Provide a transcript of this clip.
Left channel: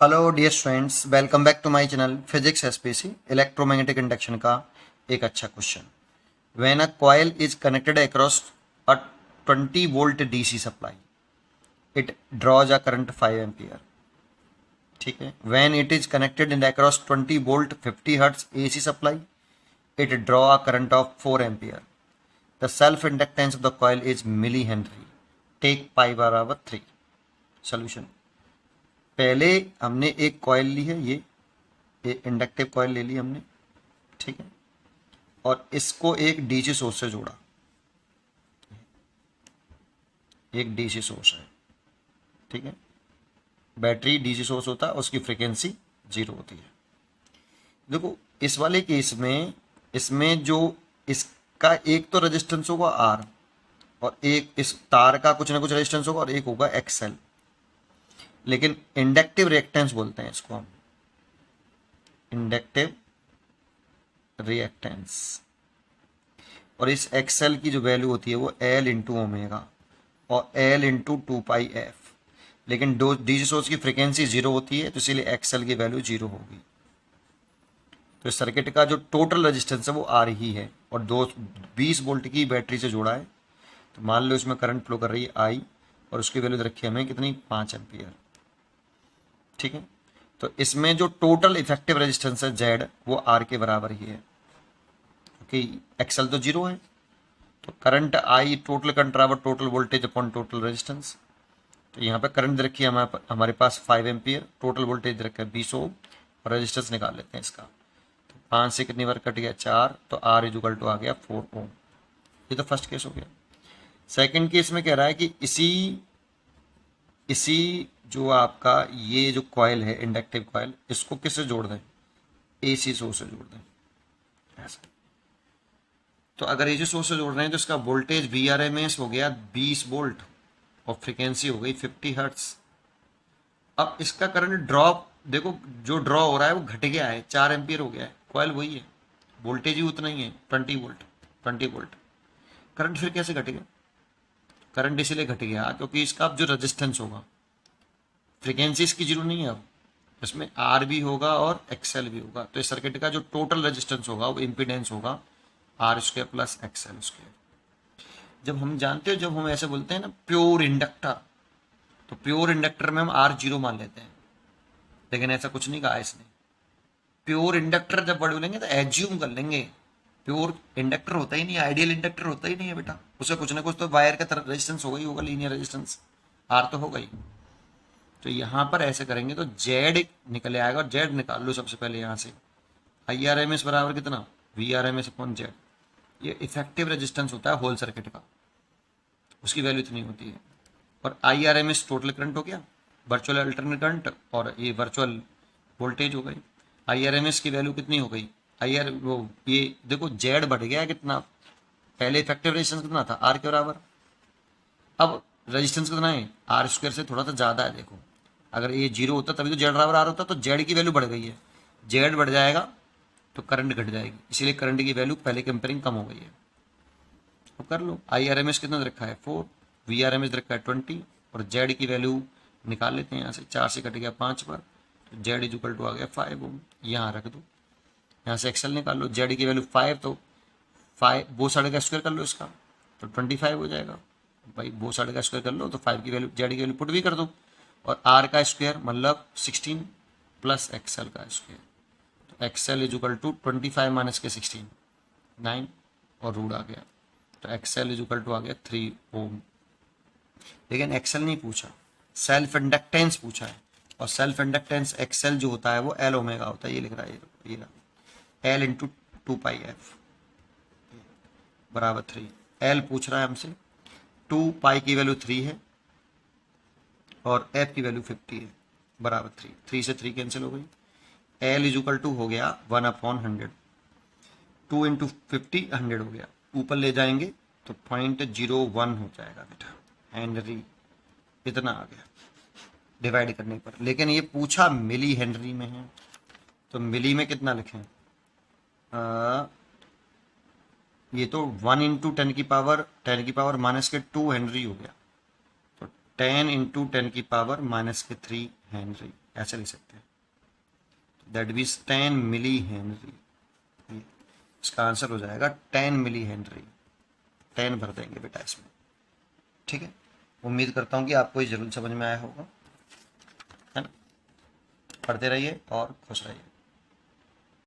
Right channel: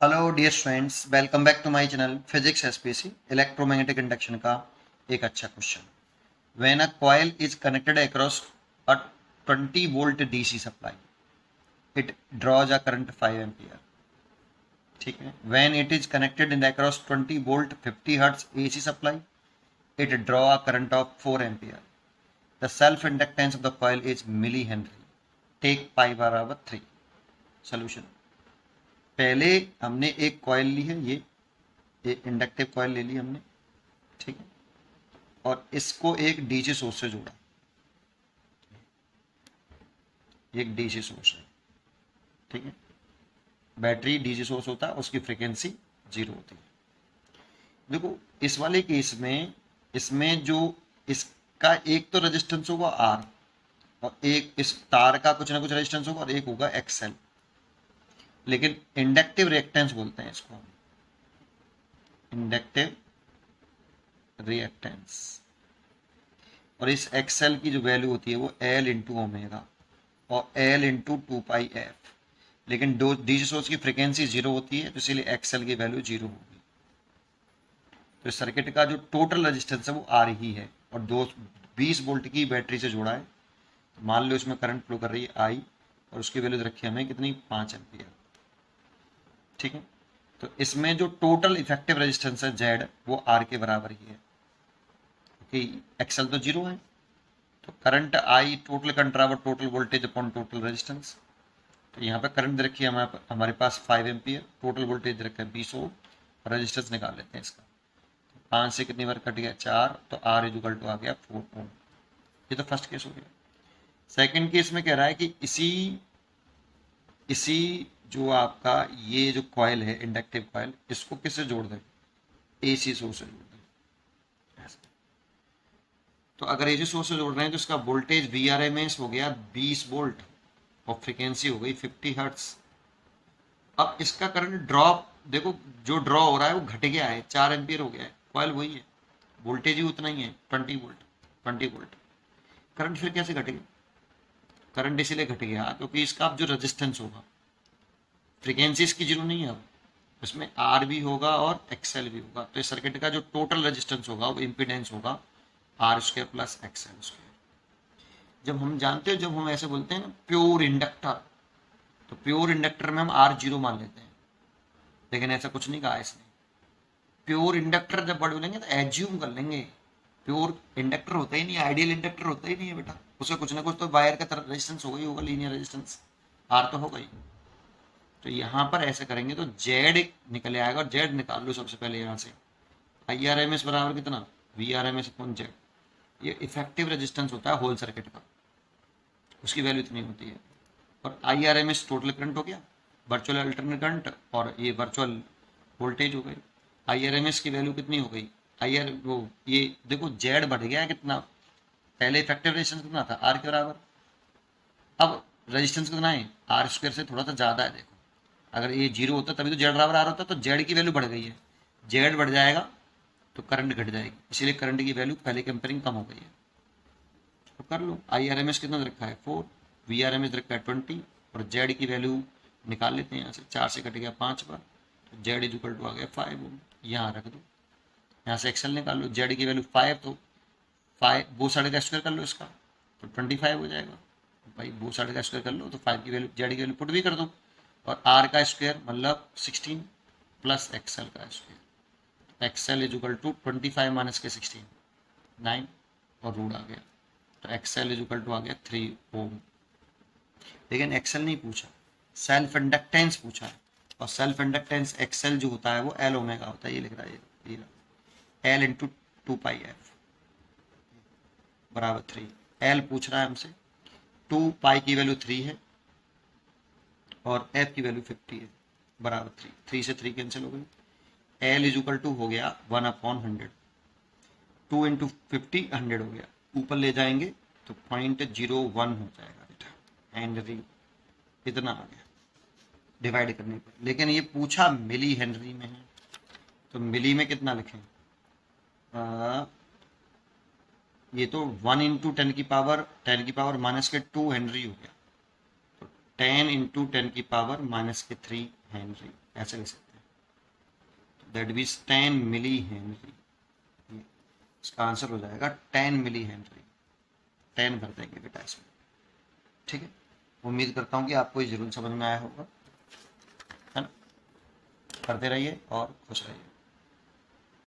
Hello dear students, welcome back to my channel physics SPC. Electromagnetic induction का एक अच्छा question. When a coil is connected across a 20 volt DC supply, it draws a current 5 ampere. ठीक है। When it is connected in across 20 volt 50 hertz AC supply, it draw a current of 4 ampere. The self inductance of the coil is milli henry. Take pi बराबर 3। Solution. पहले हमने एक coil ली है, ये inductive coil ले ली हमने। ठीक है। और इसको एक डीसी सोर्स से जोड़ा। एक डीसी सोर्स है। ठीक है। बैटरी डीसी सोर्स होता है, उसकी फ्रीक्वेंसी 0 होती है। देखो, इस वाले केस में इसमें जो इसका एक तो रेजिस्टेंस होगा आर, और एक इस तार का कुछ ना कुछ रेजिस्टेंस होगा, और एक होगा एक्सएल। लेकिन इंडक्टिव रिएक्टेंस बोलते हैं इसको हम। Inductive reactance. और इस एक्सएल की जो वैल्यू होती है वो एल इंटू ओमेगा और एल इंटू 2 पाई एफ। लेकिन दो डीसी सोर्स की फ्रीक्वेंसी 0 होती है, तो इसीलिए एक्सएल की वैल्यू 0 होगी। तो इस सर्किट का जो टोटल रेजिस्टेंस है वो आर ही है, और 20 वोल्ट की बैटरी से जोड़ा है। तो मान लो इसमें करंट फ्लो कर रही है आई, और उसकी वैल्यू रखी है हमें कितनी, 5 एम्पियर। ठीक है। तो इसमें जो टोटल इफेक्टिव रेजिस्टेंस है जेड, वो आर के बराबर ही है, क्योंकि एक्सएल तो 0 है। तो करंट आई टोटल करंट बराबर total voltage upon total resistance. तो यहाँ पे करंट रखी है हमारे पास 5 एम्पियर, टोटल वोल्टेज रखा है 20 ओम, और रेजिस्टेंस निकाल लेते हैं इसका। तो 5 से कितनी बार कट गया, 4, तो आर इजुकल टू आ गया 4 ओम। ये तो फर्स्ट केस हो गया। सेकंड केस में कह रहा है कि इसी इसी जो आपका ये जो कॉयल है इंडक्टिव कॉयल, इसको किससे जोड़ दें, एसी सोर्स से जोड़ दें। ऐसा। तो अगर एसी सोर्स से जोड़ रहे हैं तो इसका voltage V R M S हो गया 20 वोल्ट, और फ्रिक्वेंसी हो गई 50 हर्ट्स। अब इसका करंट ड्रॉप देखो, जो ड्रॉ हो रहा है वो घट गया है, 4 एम्पियर हो गया है। कॉयल वही है, वोल्टेज ही उतना ही है, 20 वोल्ट। 20 वोल्ट। करंट फिर कैसे घटेगा? करंट इसीलिए घट गया क्योंकि इसका अब जो रेजिस्टेंस होगा, फ्रिक्वेंसी इसकी 0 नहीं है अब, इसमें आर भी होगा और एक्सएल भी होगा। तो इस सर्किट का जो टोटल रेजिस्टेंस होगा वो इम्पिडेंस होगा R square plus XL square. जब हम जानते हो, जब हम ऐसे बोलते हैं ना प्योर इंडक्टर, तो प्योर इंडक्टर में हम आर 0 मान लेते हैं, लेकिन ऐसा कुछ नहीं कहा इसने। प्योर इंडक्टर जब वर्ड बोलेंगे तो एज्यूम कर लेंगे। प्योर इंडक्टर होता ही नहीं, आइडियल इंडक्टर होता ही नहीं है बेटा। उसे कुछ ना कुछ तो वायर का तरफ रेजिस्टेंस होगा ही होगा, लीनियर रेजिस्टेंस आर तो होगा ही। तो यहाँ पर ऐसे करेंगे तो जेड निकले आएगा, और जेड निकाल लो सबसे पहले यहाँ से। आई आर एम एस बराबर कितना, V R M S upon Z. ये इफेक्टिव रेजिस्टेंस होता है होल सर्किट का, उसकी वैल्यू इतनी होती है। और I R M S total current हो गया, वर्चुअल अल्टरनेट करंट, और ये वर्चुअल वोल्टेज हो गई। आई आर एम एस की वैल्यू कितनी हो गई, आई आर वो ये देखो जेड बढ़ गया है कितना। पहले इफेक्टिव रेजिस्टेंस कितना था, आर के बराबर। अब रेजिस्टेंस कितना है, आर स्क्वायर से थोड़ा सा ज़्यादा है। देखो, अगर ये 0 होता तभी तो जेड बराबर आर होता, तो जेड की वैल्यू बढ़ गई है। जेड बढ़ जाएगा तो करंट घट जाएगी, इसीलिए करंट की वैल्यू पहले कंपेयरिंग कम हो गई है। तो कर लो, आई आर एम एस कितना रखा है 4, वी आर एम एस रखा है 20, और जेड की वैल्यू निकाल लेते हैं यहाँ से। 4 से कट गया 5 पर, तो जेड इज इक्वल टू आ गया 5 ओम। यहाँ रख दो, यहाँ से एक्सएल निकाल लो, जेड की वैल्यू 5, तो 5 वो साढ़े का स्क्वायर कर लो इसका, तो 25 हो जाएगा। भाई वो साढ़े का स्क्वायर कर लो, तो 5 की वैल्यू, जेड की वैल्यू पुट भी कर दो, और आर का स्क्वायर मतलब 16 प्लस एक्सएल का स्क्वायर। तो XL is equal to 25 minus के 16, 9, और रूट आ गया। तो एक्सएल इज इक्वल टू आ गया 3 ओम। लेकिन एक्सएल नहीं पूछा, सेल्फ इंडक्टेंस पूछा है। और सेल्फ इंडक्टेंस एक्सएल जो होता है वो एल ओमेगा होता है। ये लिख रहा है, ये एल इंटू 2 पाई एफ बराबर 3। एल पूछ रहा है हमसे, 2 पाई की वैल्यू 3 है, और एफ की वैल्यू 50 है, बराबर 3। 3 से 3 कैंसिल हो गई। एल इज इक्वल टू हो गया 1/100। 2 इंटू 50 100 हो गया, ऊपर ले जाएंगे तो 0.01 हो जाएगा बेटा, हेनरी। इतना आ गया डिवाइड करने पर। लेकिन ये पूछा मिली हेनरी में है, तो मिली में कितना लिखें, ये तो 1 इंटू 10 की पावर माइनस के 2 हेनरी हो गया, तो 10 इंटू 10 की पावर माइनस के 3 हेनरी। ऐसे लिख सकते हैं, दैट मीन्स 10 मिली हेनरी। इसका आंसर हो जाएगा 10 मिली हेनरी। 10 भर देंगे बेटा इसमें। ठीक है, उम्मीद करता हूँ कि आपको ये जरूर समझ में आया होगा, है ना। पढ़ते रहिए और खुश रहिए।